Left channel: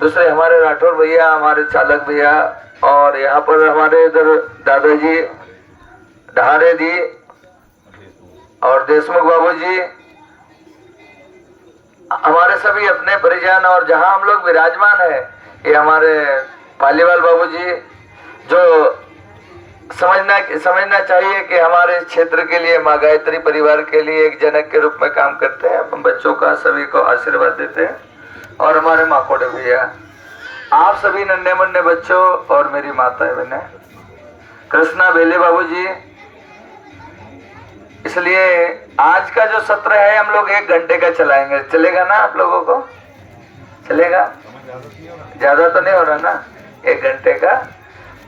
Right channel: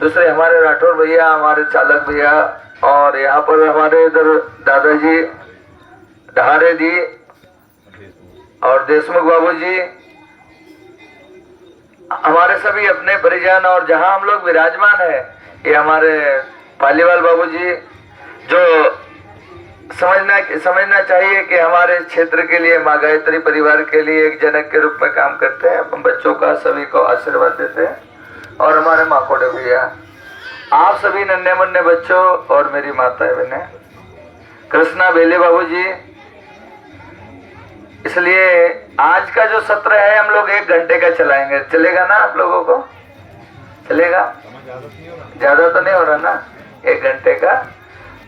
दूसरे हमारे राठौर भैया, हमारे चालक भैया, और यहाँ पर हमारे इधर दादाजी ढारे जी और देशमुख बाबू जी, हमारे सभी अपने परिजन, और जहाँ हम लोग विराजमान है ये हमारे पालीवाल बाबू जी, जो समझना चाहिए कि हमारे क्षेत्र के लिए, माँ गायत्री परिवार के लिए एक जनक के रूप में काम करते हैं। अपन बच्चों का सभी को आशीर्वाद देते हैं। और हमारे माखोड़े भैया, आप सभी नन्हे मुन्ने बच्चों और मेरी माताएं बहनें, कृष्णा बेले बाबू जी। इसलिए आज का जो सत्र है हम लोग 1 घंटे का चलाएंगे। चलेगा ना आप लोगों को? चलेगा? ज्यादा तो नहीं हो रहा ना? 1 घंटे का।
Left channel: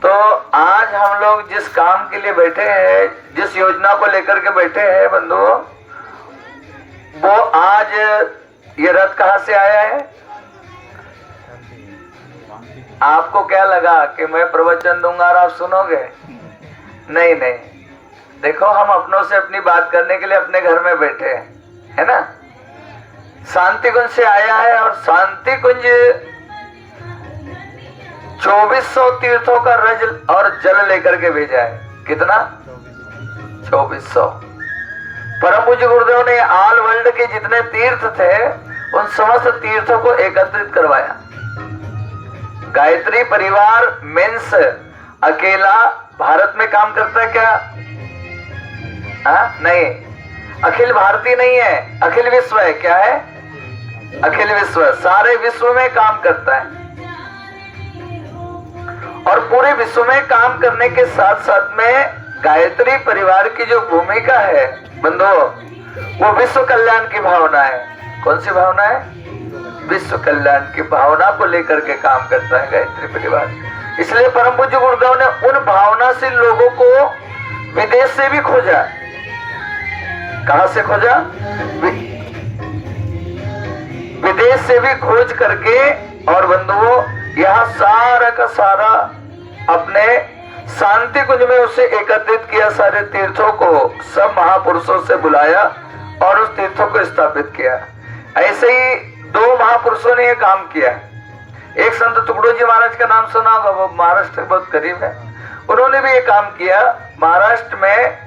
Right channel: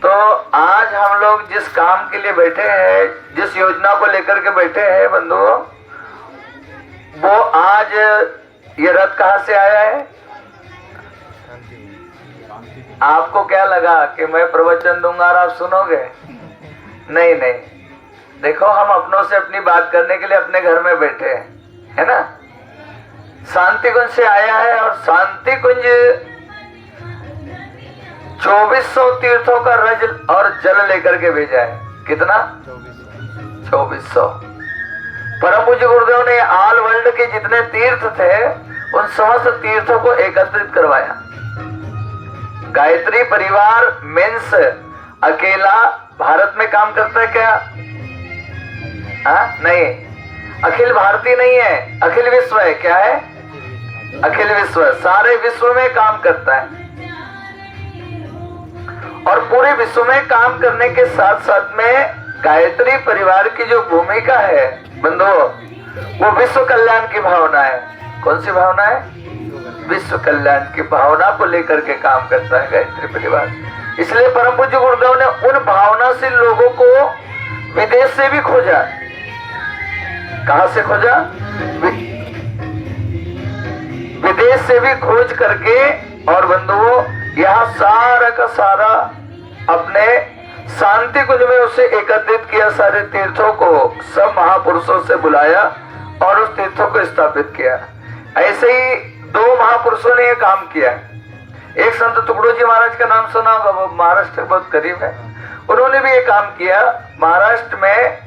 तो आज हम लोग जिस काम के लिए बैठे हैं, जिस योजना को लेकर के बैठे हैं बंधुओं, वो आज ये रथ कहाँ से आया है? आपको क्या लगा कि मैं प्रवचन दूंगा और आप सुनोगे? नहीं नहीं, देखो हम अपनों से अपनी बात करने के लिए अपने घर में बैठे हैं, है ना? शांति कुंज से आया है, और शांति कुंज 2400 तीर्थों का रज और जल लेकर के भेजा है। कितना? 2400। परम पूज्य गुरुदेव ने ऑल वर्ल्ड के जितने तीर्थ थे उन समस्त तीर्थों को एकत्रित करवाया। गायत्री परिवार मेंस अकेला भारत में काम करता है क्या? नहीं, अखिल भारतीय नहीं है, अखिल विश्व है। क्या है? अखिल विश्व, सारे विश्व में काम करता है। और पूरे विश्व में काम करने के साथ साथ में गायत्री परिवार की जो भूमिका है बंधुओं, वो विश्व कल्याण की भावना है। कौन सी भावना है? विश्व कल्याण की भावना को लेकर के काम करता है गायत्री परिवार। इसलिए परम पूज्य गुरुदेव ने उन भावनाशील लोगों को विदेश से भी खोजा। कहां से खोजा? विदेश से भी खोज करके, और बंधुओं यहाँ सारा का सारा अपने शांति कुंज में उसे एकत्रित किया। सारे तीर्थों को सब महापुरुषों से बुलाया और उस तीर्थों को स्थापित किया। ऐसे ही 2 महापुरुषों ने ये काम किया। एक संत टुकड़ो जी महाराज का नाम सुना होगा, वो महाराष्ट्र के बहुत करीब है। उन्होंने भी ये काम किया। महाराष्ट्र में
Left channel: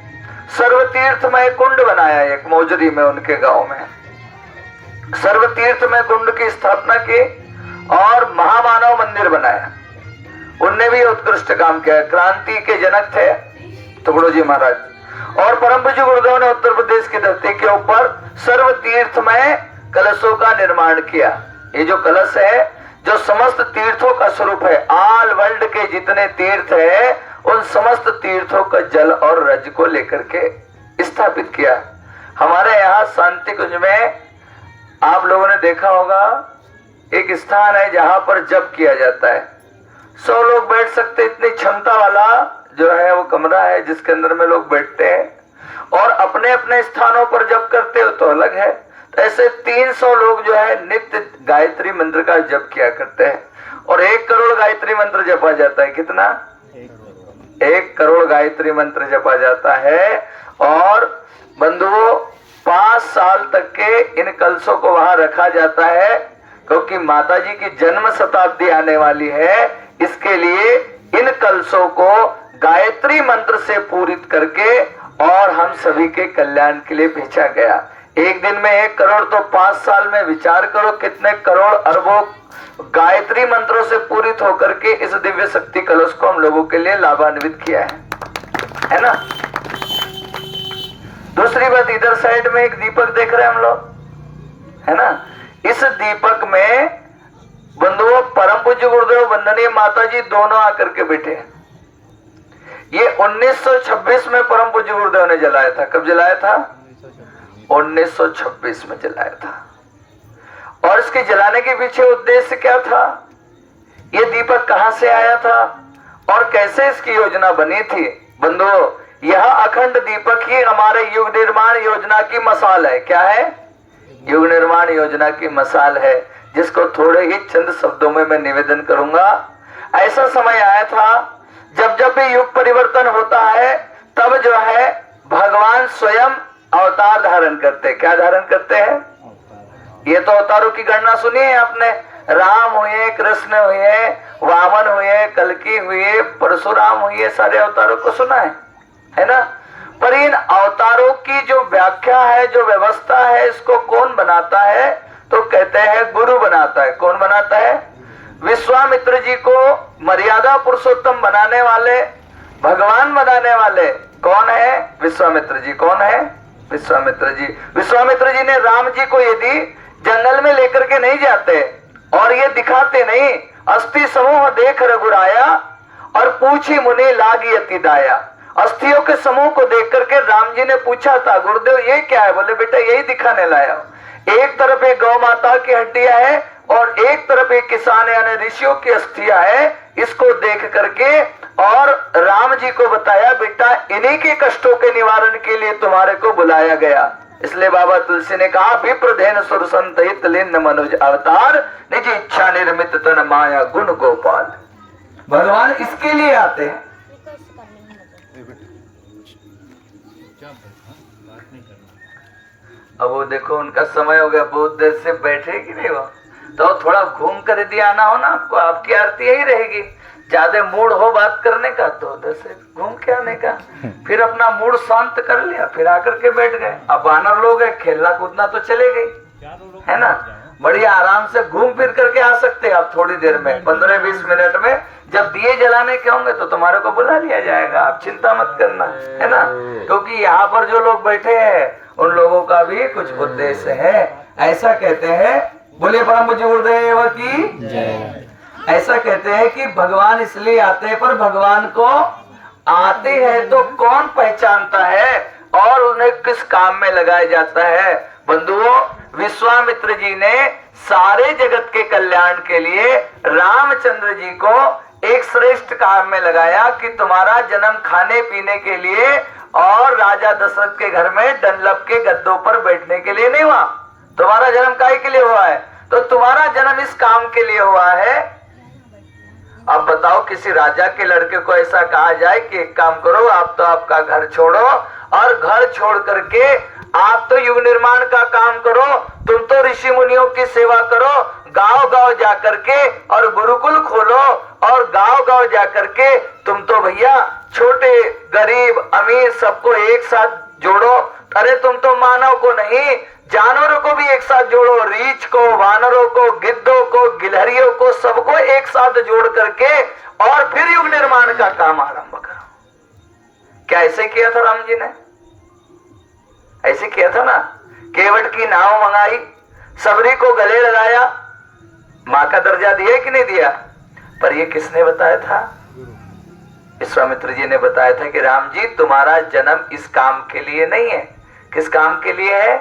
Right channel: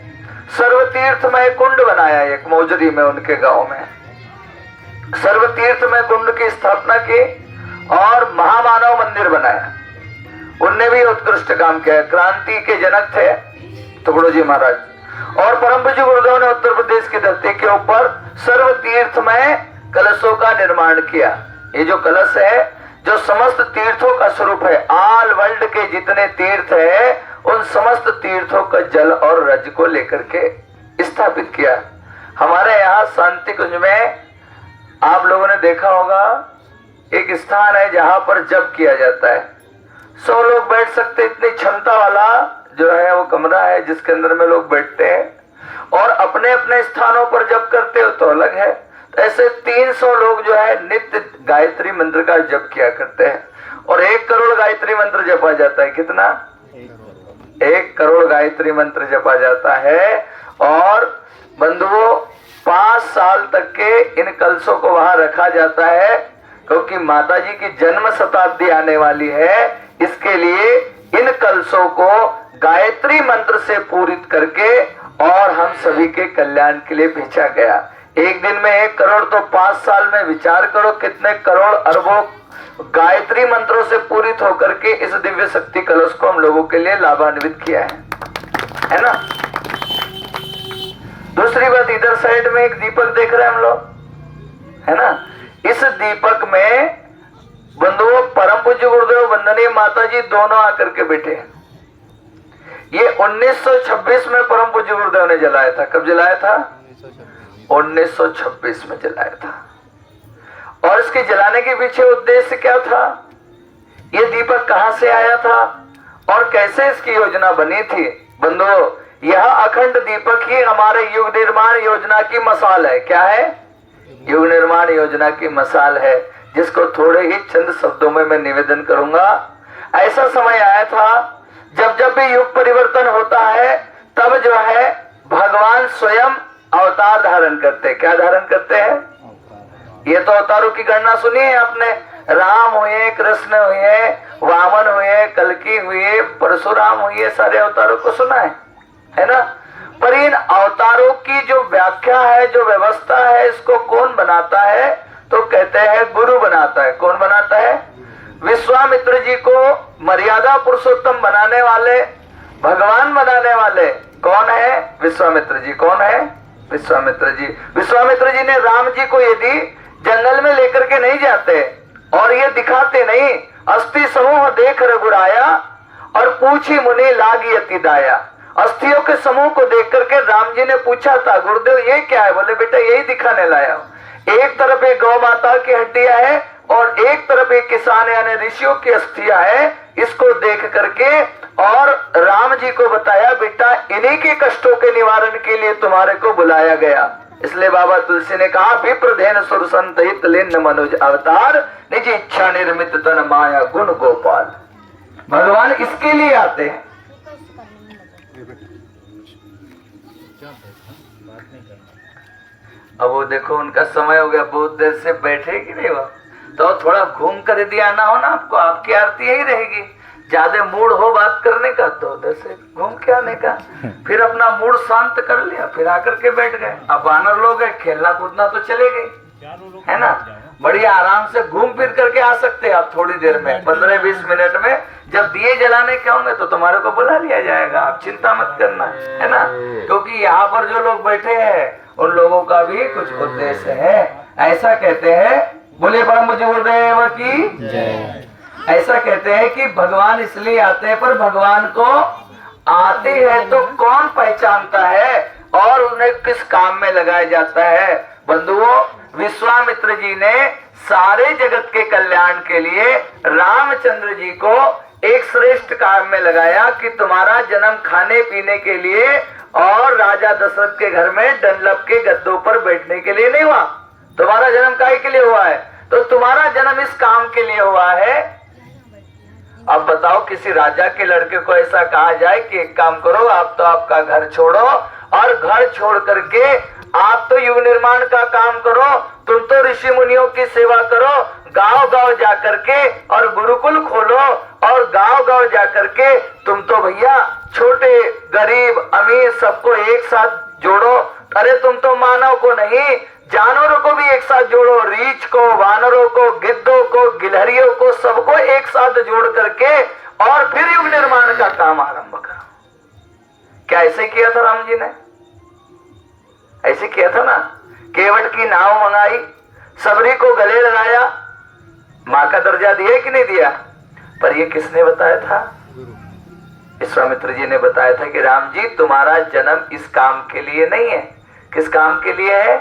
सर्वतीर्थमय कुंड बनाया, एक मौजरी में उनके गांव में सर्वतीर्थमय कुंड की स्थापना की और महामानव मंदिर बनाया। उनने भी उत्कृष्ट काम किया। क्रांति के जनक थे टुकड़ो जी महाराज। और परम पूज्य गुरुदेव ने उत्तर प्रदेश की धरती के ऊपर सर्वतीर्थमय कलशों का निर्माण किया। ये जो कलश है, जो समस्त तीर्थों का स्वरूप है, ऑल वर्ल्ड के जितने तीर्थ है उन समस्त तीर्थों का जल और रज को लेकर के स्थापित किया। हमारे यहाँ शांति कुंज में आप लोगों ने देखा होगा, एक स्थान है जहां पर जप किया जाता है। 100 लोग बैठ सकते, इतनी क्षमता वाला जो है वो कमरा है जिसके अंदर में लोग बैठते हैं और अपने अपने स्थानों पर जप करते हो तो अलग है। तो ऐसे 300 लोग जो है नित्य गायत्री मंत्र का जप किया करते हैं और 1 करोड़ गायत्री मंत्र जपा जाता है। कितना? 1 करोड़ गायत्री मंत्र जपा जाता है। और बंधुओं 5 साल तक के इन कलशों को वहां रखा जाता है, क्योंकि माता जी की जन्म शताब्दी आने वाली है। इसके लिए इन कलशों को गायत्री मंत्र से पूरित करके और हम सभी के कल्याण के लिए भेजा गया। एक दिन में 1 करोड़, तो 5 साल में विचार करो कितने करोड़ अरबों गायत्री मंत्रों से पूरित होकर के इस दिव्य शक्ति कलश को हम लोगों के लिए लाभान्वित किया है ना। दूसरी बात, इधर साइड में एक दीपक देख रहे हैं हम लोग, है ना। इस दीपक में बंधुओं परम पूज्य गुरुदेव वंदनीय माता जी दोनों आकर के बैठे हैं। ये 1926 में परम पूज्य गुरुदेव ने जलाया था। कब जलाया था? 1926 में जलाया था। और इसके जलाने के पीछे उद्देश्य क्या था? ये दीपक कहां से आया था और कैसे इसकी योजना बनी थी? बंधुओं, यह अखंड दीपक ही हमारे युग निर्माण योजना की मसाल है। क्या है? युग निर्माण योजना की मसाल है, जिसको थोड़े ही चंद शब्दों में मैं निवेदन करूंगा। ऐसा समय आया था जब जब भी युग परिवर्तन होता है तब जो है भगवान स्वयं अवतार धारण करते हैं। क्या धारण करते हैं? ये तो अवतारों की गणना सुनी है आपने। राम हुए, कृष्ण हुए, वामन हुए, कल्कि हुए, परशुराम हुए, सारे अवतारों को सुना है ना। पर इन अवतारों की जो व्याख्या है, जो व्यवस्था है, इसको कौन बनाता है? तो कहते हैं गुरु बनाता है। कौन बनाता है? विश्वामित्र जी को मर्यादा पुरुषोत्तम बनाने वाले, भगवान बनाने वाले कौन है? विश्वामित्र जी। कौन है? विश्वामित्र जी। विश्वामित्र जी ने राम जी को यदि जंगल में लेकर के नहीं जाते और ये दिखाते नहीं, अस्थि समूह देख रघुराया और पूछी मुनि लागी अति दाया। अस्थियों के समूह को देख करके राम जी ने पूछा था, गुरुदेव ये क्या है? बोले बेटा यही दिखाने लाया हूं। एक तरफ एक गौ माता की हड्डियां है और एक तरफ एक किसान यानी ऋषियों की अस्थियां है। इसको देख करके और राम जी को बताया, बेटा इन्हीं के कष्टों के निवारण के लिए तुम्हारे को बुलाया गया। इसलिए बाबा तुलसी ने कहा, विप्रधेन सुर संत हित लीन मनुज अवतार, निज इच्छा निर्मित तन माया गुण गोपाल। भगवान इसके लिए आते हैं। अब वो देखो उनका समय हो गया, बहुत देर से बैठे कि नहीं, वह तो थोड़ा घूम कर यदि आना हो ना आपको, आपकी आरती यही रहेगी। ज्यादा मूड हो बात करने का तो उधर से घूम के आने का, फिर अपना मूड शांत कर लिया, फिर आकर के बैठ गए। अब वानर लोग है, खेलना कूदना तो चले गए, है ना। बढ़िया आराम से घूम फिर करके आ सकते हैं आप थोड़ी देर में, 15-20 मिनट में। जब दिए जलाने के होंगे तो तुम्हारे को बुला लिया जाएगा, आप चिंता मत करना, है ना। क्योंकि यहाँ पर जो लोग बैठे हैं उन लोगों का भी कुछ उद्देश्य है, ऐसा कहते हैं। बोले परम पूज्य गुरुदेव की जय। ऐसा कहते हैं कि भगवान इसलिए आते हैं, पर भगवान को आते हैं तो कौन पहचानता है और उन्हें किस काम में लगाया जाता है? बंधुओं, विश्वामित्र जी ने सारे जगत के कल्याण के लिए रामचंद्र जी को एक श्रेष्ठ काम में लगाया कि तुम्हारा जन्म खाने पीने के लिए और राजा दशरथ के घर में डनलप के गद्दों पर बैठने के लिए नहीं हुआ। तुम्हारा जन्म काहे के लिए हुआ है? तो तुम्हारा जन्म इस काम के लिए हुआ है। अब बताओ, किसी राजा के लड़के को ऐसा कहा जाए कि एक काम करो, आप तो आपका घर छोड़ो और घर छोड़ करके आप तो युग निर्माण का काम करो, तुम तो ऋषि मुनियों की सेवा करो, गांव गांव जाकर के और गुरुकुल खोलो और गांव गांव जाकर के तुम तो भैया छोटे गरीब अमीर सबको एक साथ जोड़ो। अरे तुम तो मानव को नहीं, जानवरों को भी एक साथ जोड़ो, रीछ को, वानरों को, गिद्धों को, गिलहरियों को, सबको एक साथ जोड़ करके और फिर युग निर्माण का काम आरंभ करो। क्या ऐसे किया था राम जी ने? ऐसे किया था ना। केवट की नाव मंगाई, सबरी को गले लगाया, मां का दर्जा दिया कि नहीं दिया? पर ये किसने बताया था? विश्वामित्र जी ने बताया था कि राम जी तुम्हारा जन्म इस काम के लिए नहीं है। किस काम के लिए है?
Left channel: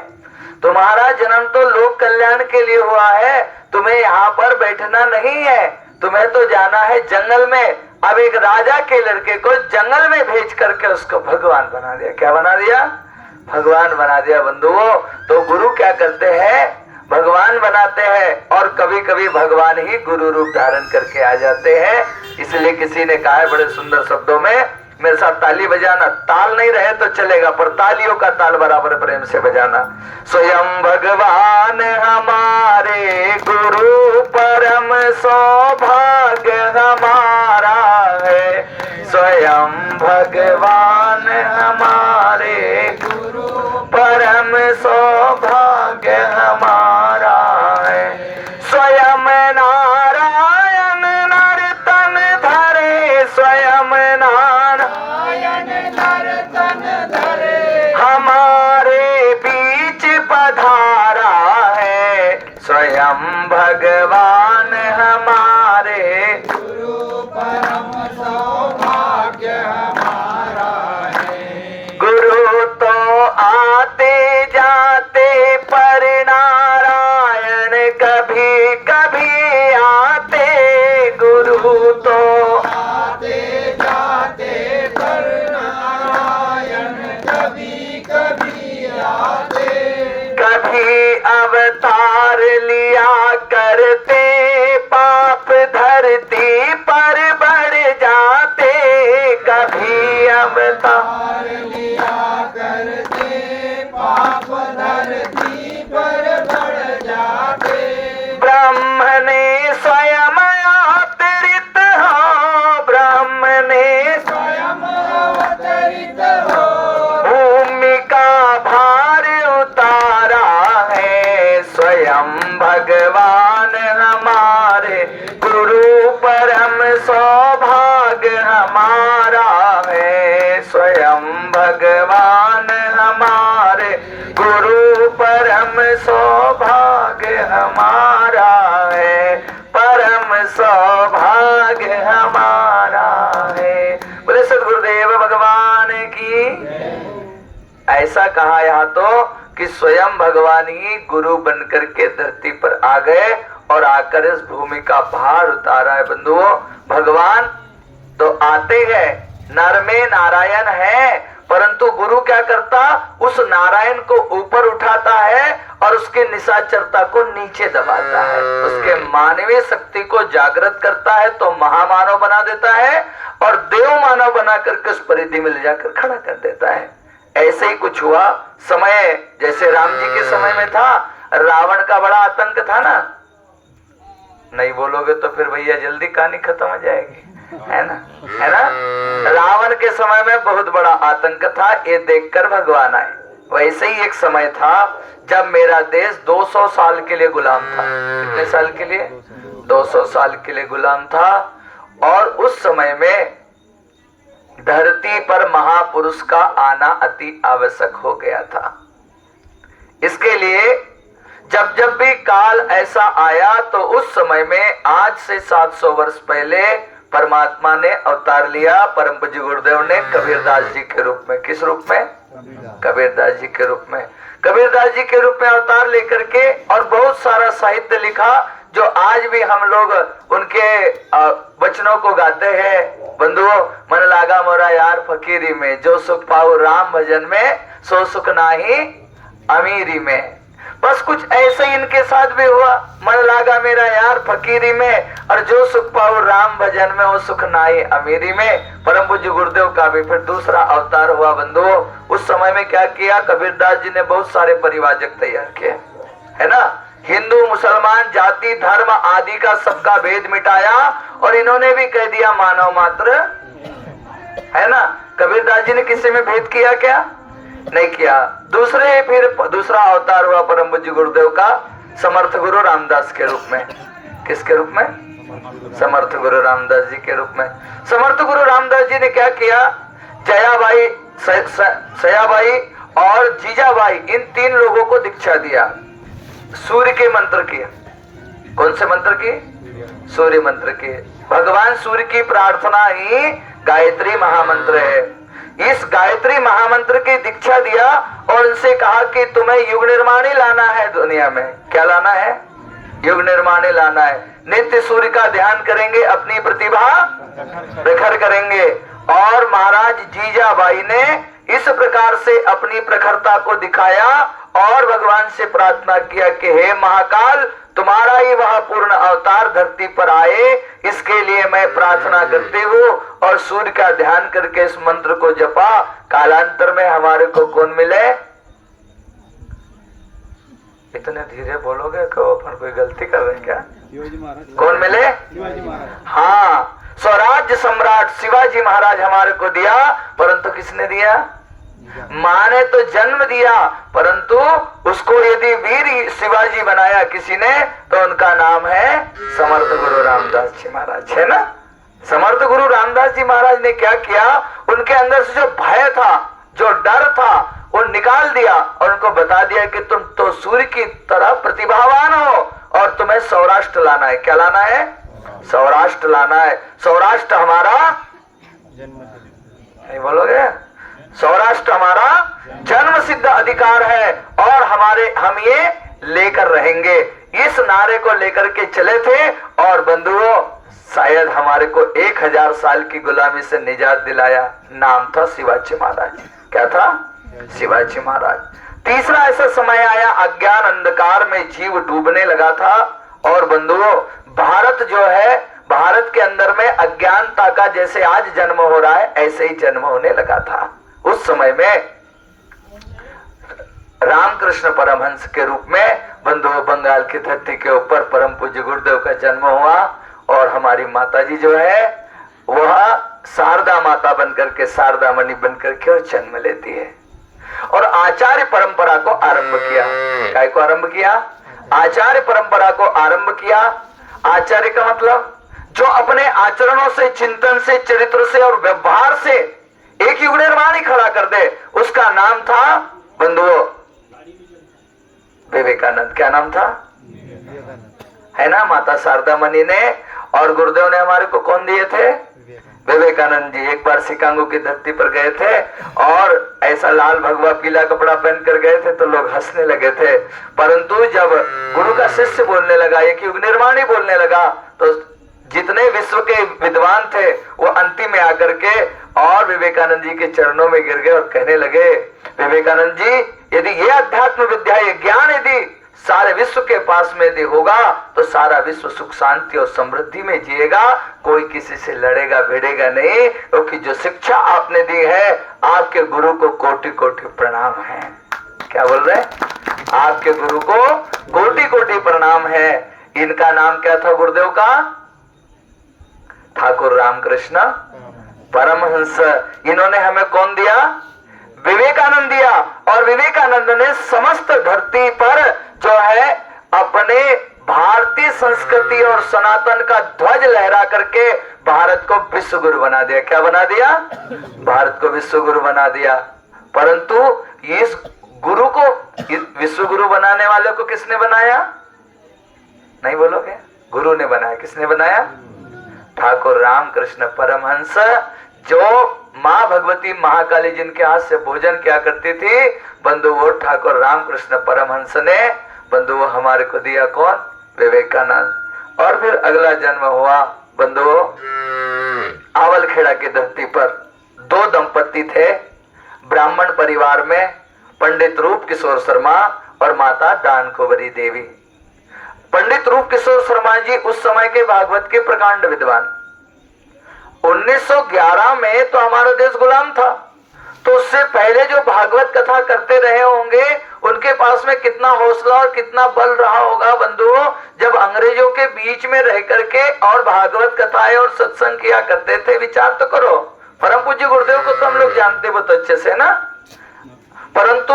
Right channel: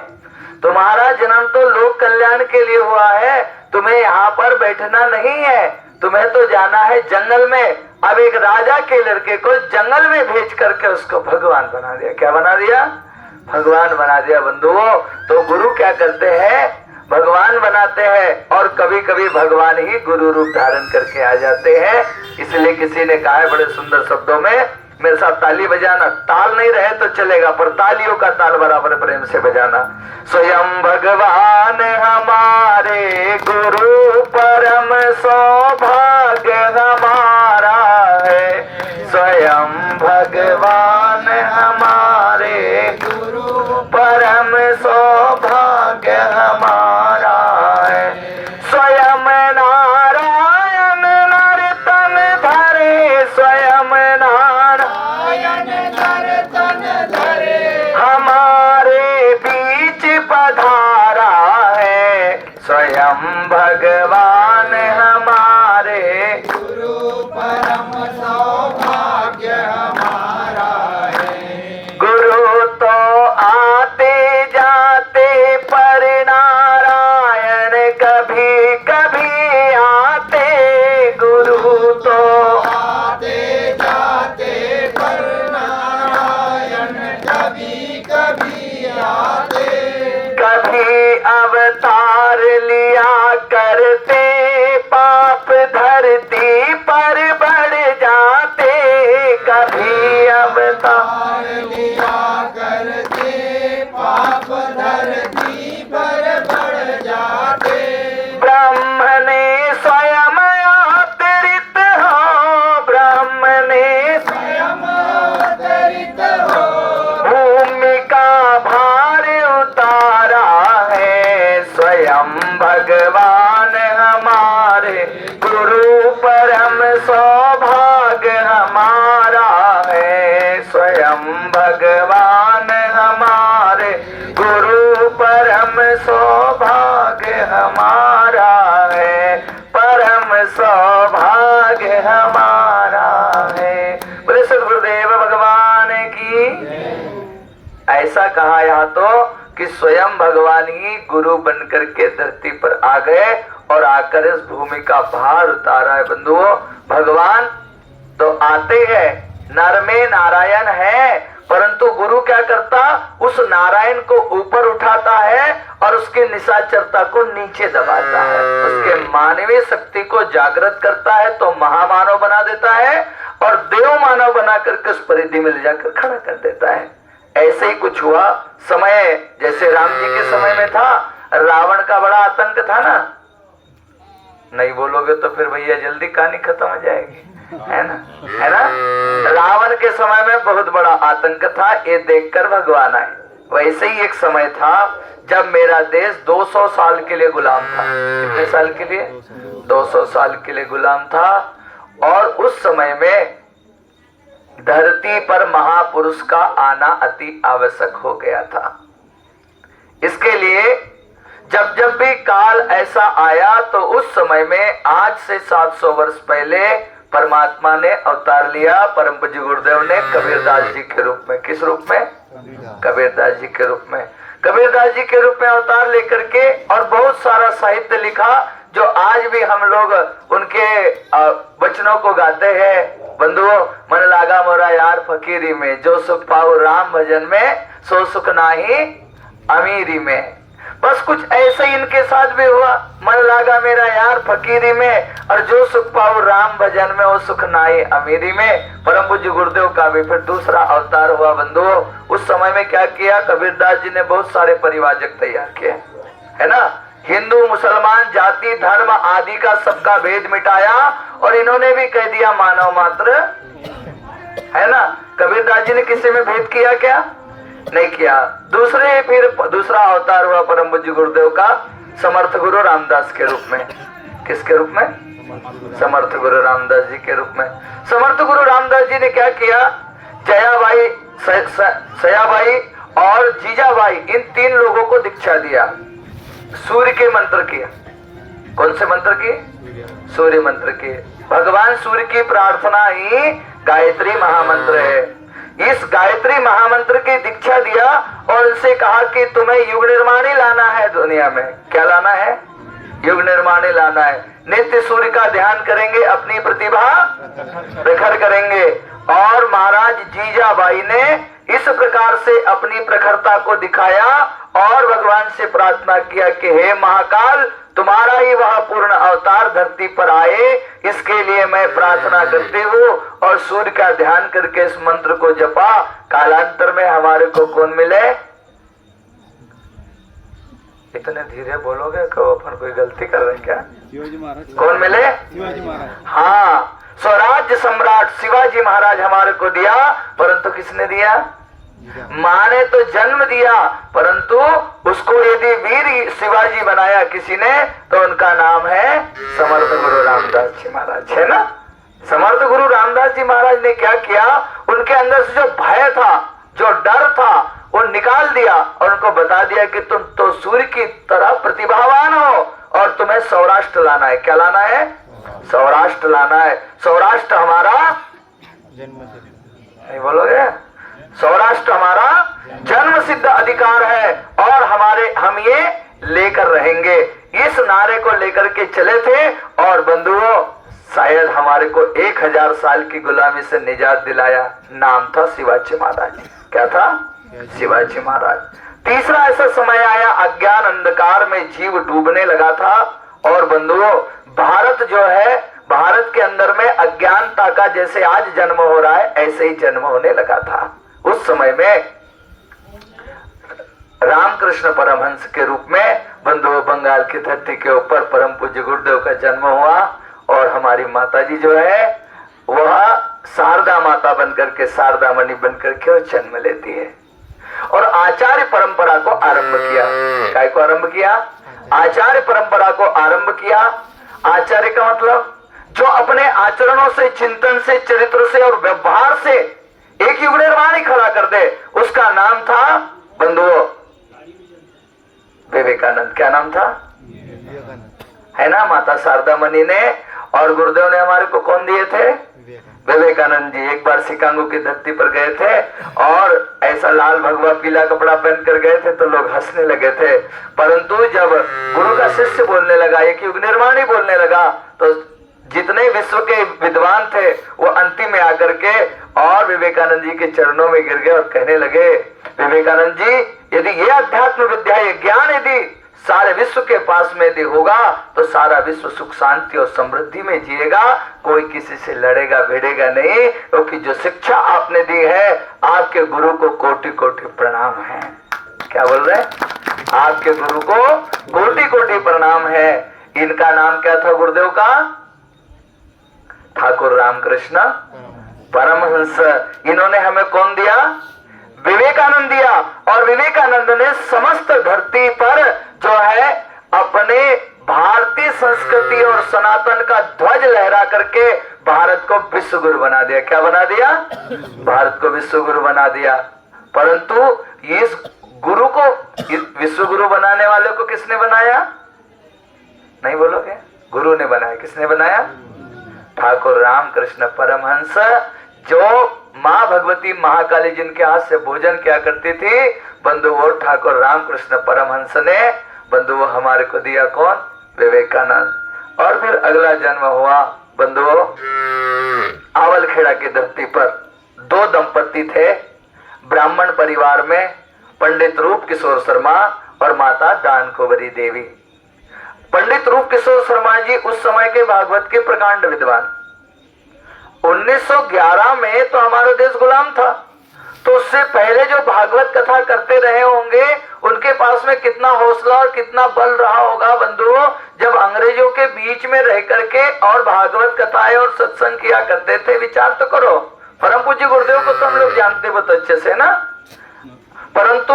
तुम्हारा जन्म तो लोक कल्याण के लिए हुआ है, तुम्हें यहाँ पर बैठना नहीं है, तुम्हें तो जाना है जंगल में। अब एक राजा के लड़के को जंगल में भेज करके उसको भगवान बना दिया। क्या बना दिया? भगवान बना दिया। बंधुओं, तो गुरु क्या करते हैं? भगवान बनाते हैं और कभी कभी भगवान ही गुरु रूप धारण करके आ जाते हैं। इसलिए किसी ने कहा है बड़े सुंदर शब्दों में, मेरे साथ ताली बजाना, ताल नहीं रहे तो चलेगा पर तालियों का ताल बराबर प्रेम से बजाना। स्वयं भगवान हमारे गुरु परम सौभाग्य हमारा है। स्वयं भगवान हमारे गुरु परम सौभाग्य हमारा है। स्वयं नारायण नर्तन धरे, स्वयं नारायण नर्तन धरे, हमारे बीच पधारा है। स्वयं भगवान हमारे गुरु परम सौभाग्य हमारा है। गुरु तो आते जाते पर नारायण कभी कभी आते। गुरु तो आते जाते पर नारायण कभी कभी आते। कभी अवतार लिया करते, पाप धरती पर बढ़ जाते। कभी अवतार लिया करते, पाप धरती पर बढ़ जाते। ब्रह्म ने कहा यहाँ तो कि स्वयं भगवान ही गुरु बनकर के धरती पर आ गए और आकर इस भूमि का भार उतारा है। बंधुओं, भगवान तो आते हैं, नर में नारायण है, परंतु गुरु क्या करता, उस नारायण को ऊपर उठाता है और उसके निशाचरता को नीचे दबाता है, उसके मानवीय शक्ति को जागृत करता है तो महामानव बना देता है और देव मानव बना करके उस परिधि में ले जाकर खड़ा कर देता है। ऐसे ही कुछ हुआ समय, जैसे राम जी के समय में था, रावण का बड़ा आतंक था ना। नहीं बोलोगे तो फिर भैया जल्दी कहानी खत्म हो जाएगी, है ना, है ना। रावण के समय में बहुत बड़ा आतंक था, ये देखकर भगवान आए। वैसे ही एक समय था जब मेरा देश 200 साल के लिए गुलाम था। कितने साल के लिए? 200 साल के लिए गुलाम था। और उस समय में धरती पर महापुरुष का आना अति आवश्यक हो गया था। इसके लिए जब जब भी काल ऐसा आया तो उस समय में आज से 700 वर्ष पहले परमात्मा ने अवतार लिया, परम पूज्य गुरुदेव ने कबीरदास जी के रूप में। किस रूप में? कबीरदास जी के रूप में। कबीरदास जी के रूप में अवतार लेकर के और बहुत सारा साहित्य लिखा जो आज भी हम लोग उनके वचनों को गाते हैं। बंधुओं, मन लागा मोरा यार फकीरी में, जो सुख पाऊ राम भजन में, सो सुख नाही अमीरी में। बस कुछ ऐसे ही इनके साथ भी हुआ, मन लागा मेरा यार फकीरी में और जो सुख पाऊ राम भजन में, वो सुख नाई अमीरी में। परम पूज्य गुरुदेव का भी फिर दूसरा अवतार हुआ। बंधुओं, उस समय में क्या किया, कबीरदास जी ने बहुत सारे परिवाजक तैयार किए, है ना। हिंदू मुसलमान जाति धर्म आदि का सबका भेद मिटाया और इन्होंने भी कह दिया मानव मात्र, है ना। कबीरदास जी ने किसी में भेद किया क्या? नहीं किया। फिर दूसरा अवतार हुआ परम पूज्य गुरुदेव का समर्थ गुरु रामदास के रूप में। किसके रूप में? समर्थ गुरु रामदास जी के रूप में। समर्थ गुरु रामदास जी ने क्या किया, जयाबाई, सयाबाई और जीजाबाई, इन 3 लोगों को दीक्षा दिया। सूर्य के मंत्र किया। कौन से मंत्र की? सूर्य मंत्र की। भगवान सूर्य की प्रार्थना ही गायत्री महामंत्र है। इस गायत्री महामंत्र की दीक्षा दिया और उनसे कहा कि तुम्हें युग निर्माण ही लाना है दुनिया में। क्या लाना है? युग निर्माण ही लाना है। नित्य सूर्य का ध्यान करेंगे, अपनी प्रतिभा प्रखर करेंगे। और महाराज जीजाबाई ने इस प्रकार से अपनी प्रखरता को दिखाया और भगवान से प्रार्थना किया कि हे महाकाल, तुम्हारा ही वह पूर्ण अवतार धरती पर आए, इसके लिए मैं प्रार्थना करती हूँ। और सूर्य का ध्यान करके इस मंत्र को जपा। कालांतर में हमारे को कौन मिले? इतने धीरे बोलोगे कि अपन कोई गलती कर रहे क्या? कौन मिले? हाँ, स्वराज्य सम्राट शिवाजी महाराज हमारे को दिया, परंतु किसने दिया? माँ ने तो जन्म दिया, परंतु उसको यदि वीर शिवाजी बनाया किसी ने तो उनका नाम है समर्थ गुरु रामदास जी महाराज, है ना। समर्थ गुरु रामदास जी महाराज ने क्या किया, उनके अंदर से जो भय था, जो डर था, वो निकाल दिया और उनको बता दिया कि तुम तो सूर्य की तरह प्रतिभावान हो और तुम्हें सौराष्ट्र लाना है। क्या लाना है? सौराष्ट्र लाना है। सौराष्ट्र हमारा जन्म, नहीं बोलोगे? सौराष्ट्र हमारा जन्म सिद्ध अधिकार है और हम ये लेकर रहेंगे। इस नारे को लेकर के चले थे और बंधुओं, शायद हमारे को 1000 साल की गुलामी से निजात दिलाया। नाम था शिवाजी महाराज। क्या था? शिवाजी महाराज। तीसरा ऐसा समय आया, अज्ञान अंधकार में जीव डूबने लगा था और बंधुओं, भारत जो है, भारत के अंदर में अज्ञानता का जैसे आज जन्म हो रहा है ऐसे ही जन्म होने लगा था। उस समय में रामकृष्ण परमहंस के रूप में बंधुओं बंगाल की धरती के ऊपर परम पूज्य गुरुदेव का जन्म हुआ और हमारी माता जी जो है वह शारदा माता बनकर के, शारदा मणि बनकर के जन्म लेती है और आचार्य परंपरा को आरंभ किया। काय को आरंभ किया? आचार्य परंपरा को आरंभ किया। आचार्य का मतलब जो अपने आचरणों से, चिंतन से, चरित्र से और व्यवहार से एक युग निर्माण ही खड़ा कर दे, उसका नाम था बंधुओं विवेकानंद। क्या नाम था? है ना। माता शारदा मणि ने और गुरुदेव ने हमारे को कौन दिए थे? विवेकानंद जी एक बार शिकागो की धरती पर गए थे और ऐसा लाल भगवा पीला कपड़ा पहन कर गए थे तो लोग हंसने लगे थे, परंतु जब गुरु का शिष्य बोलने लगा, एक युग निर्माणी बोलने लगा, तो जितने विश्व के विद्वान थे वो अंतिम में आकर के और विवेकानंद जी के चरणों में गिर गए और कहने लगे, विवेकानंद जी यदि ये अध्यात्म विद्या, ये ज्ञान यदि सारे विश्व के पास में यदि होगा तो सारा विश्व सुख शांति और समृद्धि में जिएगा, कोई किसी से लड़ेगा भिड़ेगा नहीं, क्योंकि जो शिक्षा आपने दी है आपके गुरु को कोटि कोटि प्रणाम है। क्या बोल रहे हैं? आपके गुरु को कोटि कोटि प्रणाम है। इनका नाम क्या था गुरुदेव का? ठाकुर रामकृष्ण परमहंस। इन्होंने हमें कौन दिया? विवेकानंद दिया। और विवेकानंद ने समस्त धरती पर जो है अपने भारतीय संस्कृति और सनातन का ध्वज लहरा करके भारत को विश्व गुरु बना दिया। क्या बना दिया? भारत को विश्व गुरु बना दिया। परंतु इस गुरु को, विश्व गुरु बनाने वाले को किसने बनाया? नहीं बोलोगे? गुरु ने बनाया। किसने बनाया? ठाकुर रामकृष्ण परमहंस, जो माँ भगवती महाकाली जिनके हाथ से भोजन किया करती थी, बंधुओं ठाकुर रामकृष्ण परमहंस ने बंधुओं हमारे को दिया। कौन? विवेकानंद। और फिर अगला जन्म हुआ बंधुओं आवलखेड़ा की धरती पर। दो दंपति थे ब्राह्मण परिवार में, पंडित रूप किशोर शर्मा और माता दान कुंवरी देवी। पंडित रूप किशोर शर्मा जी उस समय के भागवत के प्रकांड विद्वान। 1911 में तो हमारा देश गुलाम था, तो उससे पहले जो भागवत कथा करते रहे होंगे उनके पास में कितना हौसला और कितना बल रहा होगा बंधुओं, जब अंग्रेजों के बीच में रह करके और भागवत कथाएं और सत्संग किया करते थे। विचार तो करो, परम पूज्य गुरुदेव को तो हम लोग जानते बहुत अच्छे से ना, परंतु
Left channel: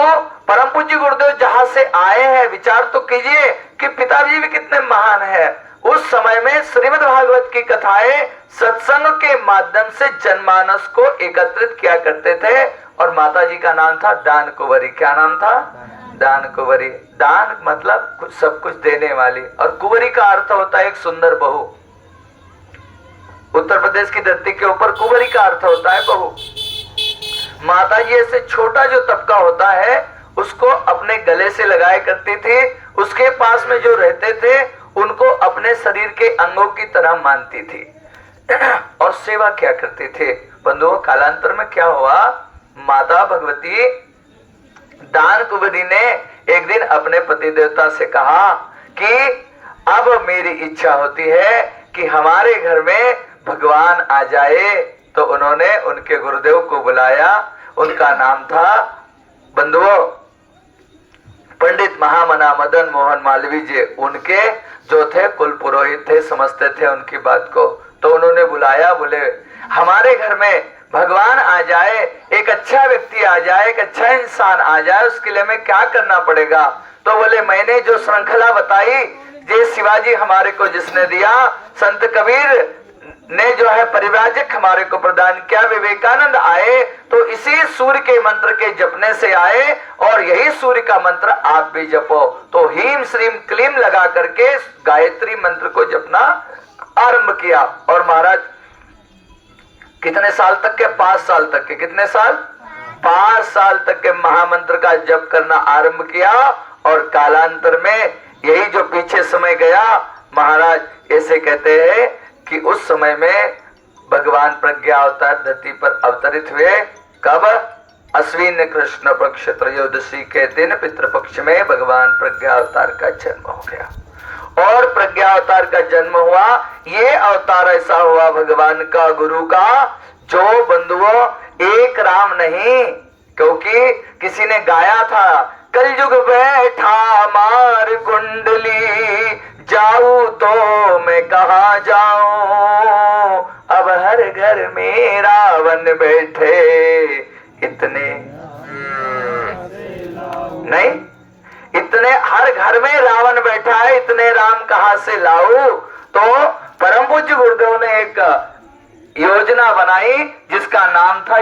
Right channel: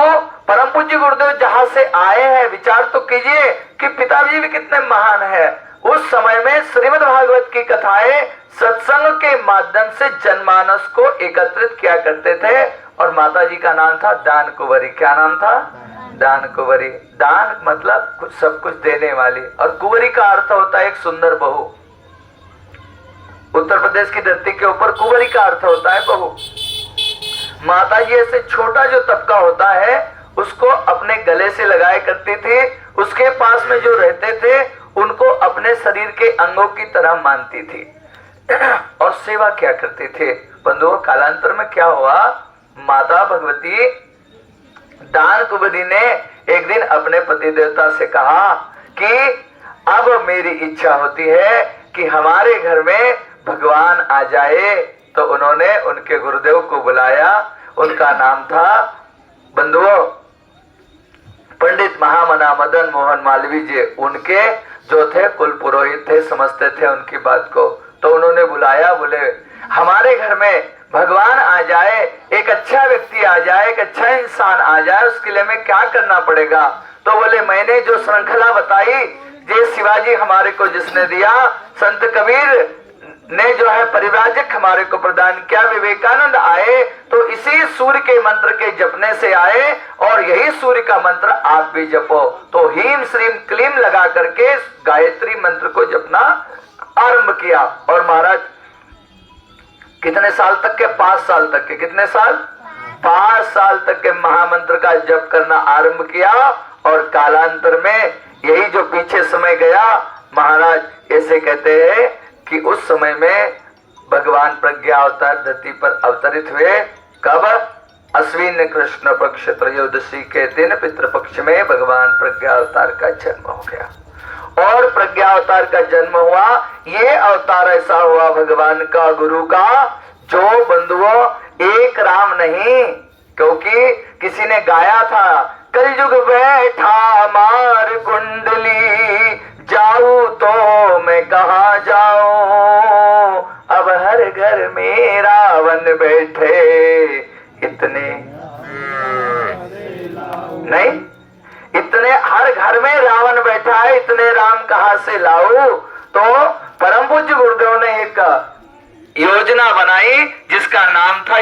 परम पूज्य गुरुदेव जहां से आए हैं, विचार तो कीजिए कि पिताजी भी कितने महान है। उस समय में श्रीमद् भागवत की कथाएं सत्संग के माध्यम से जनमानस को एकत्रित किया करते थे। और माता जी का नाम था दान कुंवरी। क्या नाम था? दान कुंवरी। दान मतलब कुछ सब कुछ देने वाली, और कुंवरी का अर्थ होता है एक सुंदर बहू। उत्तर प्रदेश की धरती के ऊपर कुंवरी का अर्थ होता है बहू। माता जी ऐसे छोटा जो तबका होता है उसको अपने गले से लगाया करती थी। उसके पास में जो रहते थे उनको अपने शरीर के अंगों की तरह मानती थी और सेवा क्या करते थे। बंधुओं कालांतर में क्या हुआ, माता भगवती दान कुंवरी ने एक दिन अपने पति देवता से कहा कि अब मेरी इच्छा होती है कि हमारे घर में भगवान आ जाए। तो उन्होंने उनके गुरुदेव को बुलाया। उनका नाम था बंधुओं पंडित महामना मदन मोहन मालवीय जी। उनके जो थे कुल पुरोहित थे, समझते थे उनकी बात को। तो उन्होंने बुलाया, बोले हमारे घर में भगवान आ जाए, एक अच्छा व्यक्ति आ जाए, एक अच्छा इंसान आ जाए, उसके लिए हमें क्या करना पड़ेगा? तो बोले मैंने जो श्रृंखला बताई, ये शिवाजी हमारे को जिसने दिया, संत कबीर ने जो है परिव्राजक हमारे को प्रदान किया, विवेकानंद आए तो इसी सूर्य के मंत्र के जपने से आए, और यही सूर्य का मंत्र आप भी जपो। तो हीम श्रीम क्लीम लगा करके गायत्री मंत्र को जपना आरंभ किया। और महाराज कितने साल तक के? 5 साल तक के। कितने साल? 5 साल तक के महामंत्र का जप करना आरंभ किया। और कालांतर में यही जो पीछे समय गया, महाराज ऐसे कहते हैं कि उस समय में भगवान प्रज्ञा अवतार धरती पर अवतरित हुए। कब? अश्विन कृष्ण पक्ष त्रयोदशी के दिन पितृपक्ष में भगवान प्रज्ञा अवतार का जन्म हो गया। और प्रज्ञा अवतार का जन्म हुआ। ये अवतार ऐसा हुआ भगवान का, गुरु का, जो बंधुओं एक राम नहीं, क्योंकि किसी ने गाया था, कलयुग बैठा मार कुंडली, जाऊं तो मैं कहा जाऊं, अब हर घर में रावण बैठे, इतने नहीं, इतने हर घर में रावण बैठा है, इतने राम कहां से लाऊं? तो परम पूज्य गुरुदेव ने एक योजना बनाई जिसका नाम था